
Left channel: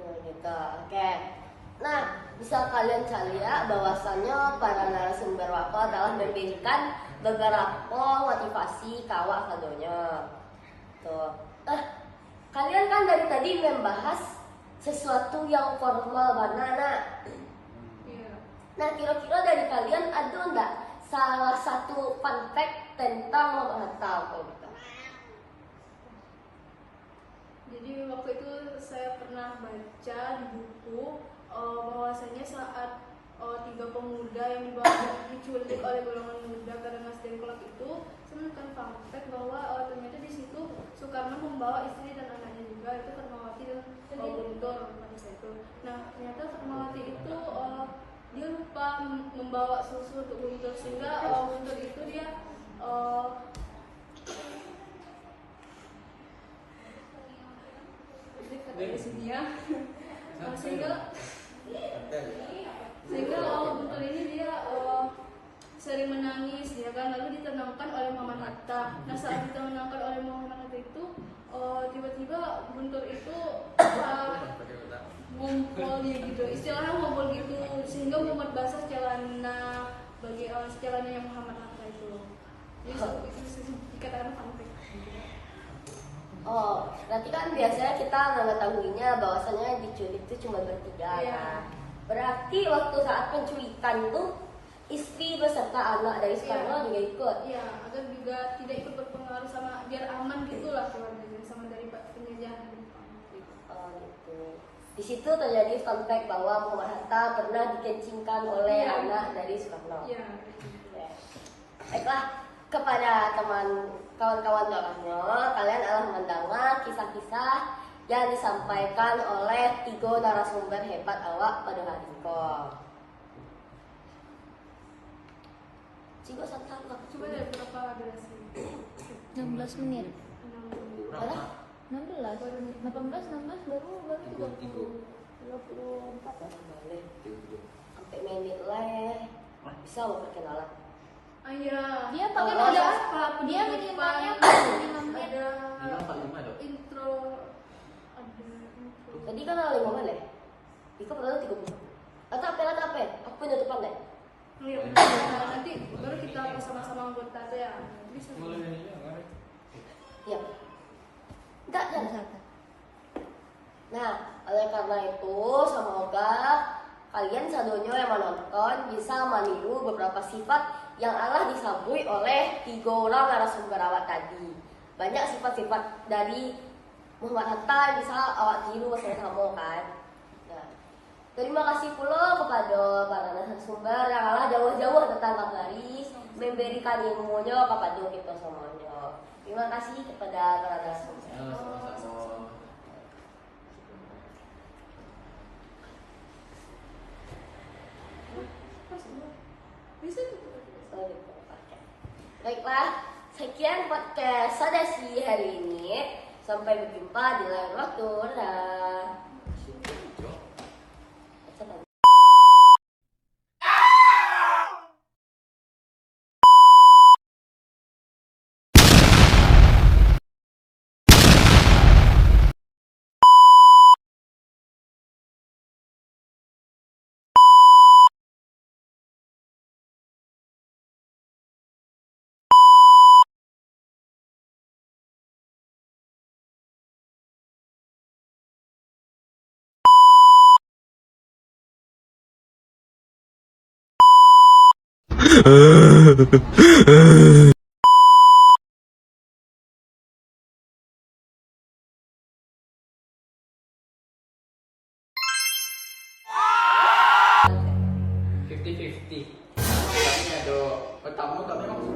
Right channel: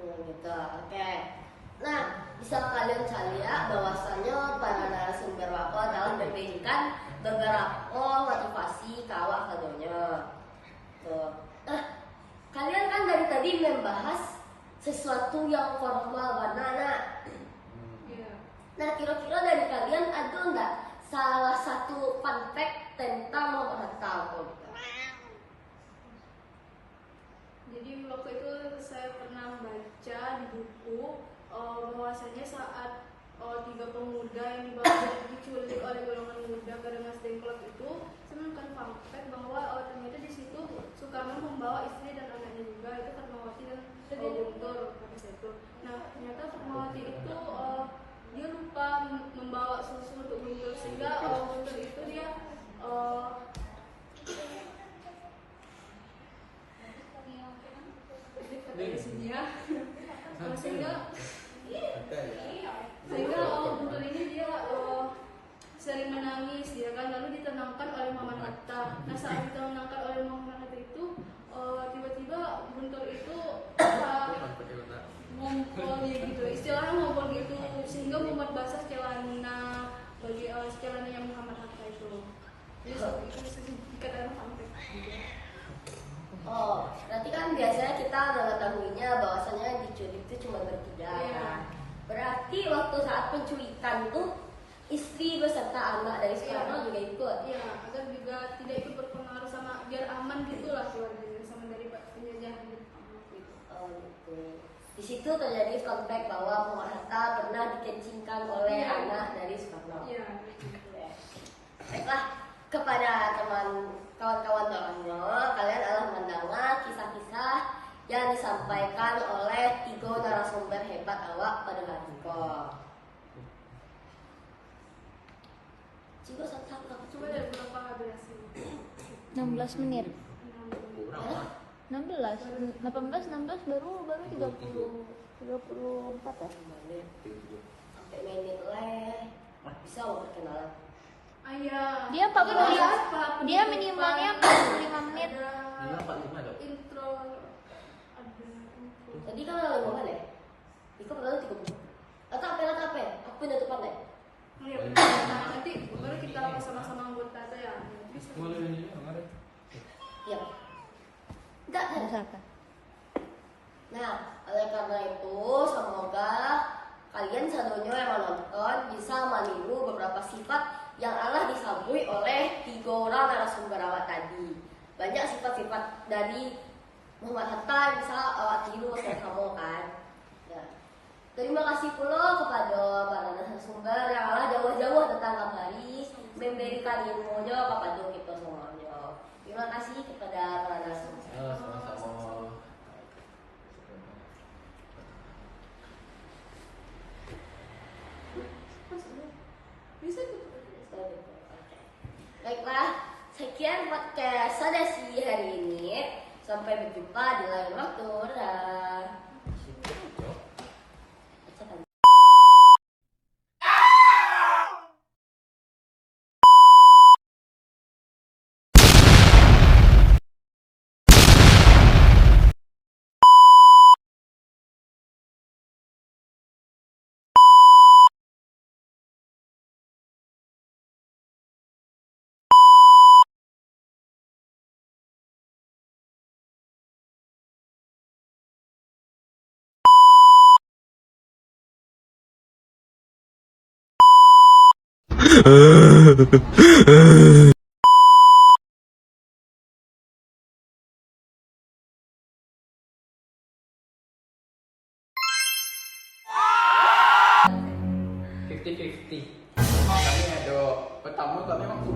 Gitu, oke. Nah, bisa kalian lihat bahwasannya para narasumber wako telah memberikan beberapa motivasi kawak kadonya. Tuh. Kalian kan dari tadi membahas sesuatu yang formal banana. Nah, kira-kira dari kalian ada nggak salah satu fun fact tentang Muhammad Hatta? Jadi waktu itu saya pernah baca di buku bahwasanya saat tiga pemuda yang diculik oleh golongan muda karena Dengklok itu, saya menemukan fakta bahwa ternyata di situ Soekarno membawa istri dan anaknya juga, itu Fatmawati dan Guntur pada saat itu. Nah, ternyata Fatmawati itu dia lupa membawa susu untuk Guntur, sehingga Guntur itu dia kata di sini ya, sehingga Guntur ini dia sering menangis dia kan, lalu ditenangkan oleh Muhammad Hatta. Nah, saat ditenangkan oleh Muhammad Hatta itu tiba-tiba Guntur itu ngumpul gitu, istilahnya ngumpul gitu, sehingga membuat basah celana bagi celananya Muhammad Hatta itu. Jadi itu dikatakan sampai. Oh, berarti kan biasanya kita mengetahuinya bahwasannya diculik itu cuma bertiga. Iya. Berarti waktu saat penculikan tuh istri beserta anak dari Soekarno juga ikut. Iya, agar juga tidak ikut berpengaruh sama, biar aman gitulah keluarganya sama dari penjajahan Jepang gitu. Oh gitu. Di situ terjadi fun fact bahwa Muhammad Hatta pernah dikencingkan oleh anak dari Soekarno. Iya. Baiklah, kepada kawan-kawan dalamnya, kalian telah mendengar kisah-kisah yang disampaikan oleh 3 narasumber hebat awak pada hari ini. Coba santai, Coba deh berapa durasi? 16 menit. 16. 18, 16 baru 23. 24 sampai menit leh. Bisa loh kenalan. Iya. Dia pakai Oh, ada setelah dia penutupan minimalnya 45 menit. ada 45 dong. intro, ada intro. Tadi kan ada 5 menit. Iko pertama 30. Atau apa? Aku penutupan deh. Ya, nanti baru kita sama-sama anggota deh ya. Bisa. Mulai ini ya, mari. Ya. Enggak. Nah, oleh karena itu semoga kalian sadonya yang menonton bisa meniru beberapa sifat yang Allah disambui oleh 3 orang narasumber awak tadi. Banyak sifat-sifat dari Muhammad Hatta bisa awak tiru sama kan. Nah, terima kasih pula kepada para narasumber yang Allah jauh-jauh datang kemari memberikan ilmunya kepada kita semuanya. Terima kasih kepada para narasumber. Ya, sama-sama. Bisa tuh. Baiklah, sekian podcast Sadasi hari ini. Sampai berjumpa di lain waktu. Dah. Kami ada pertama kami masuk.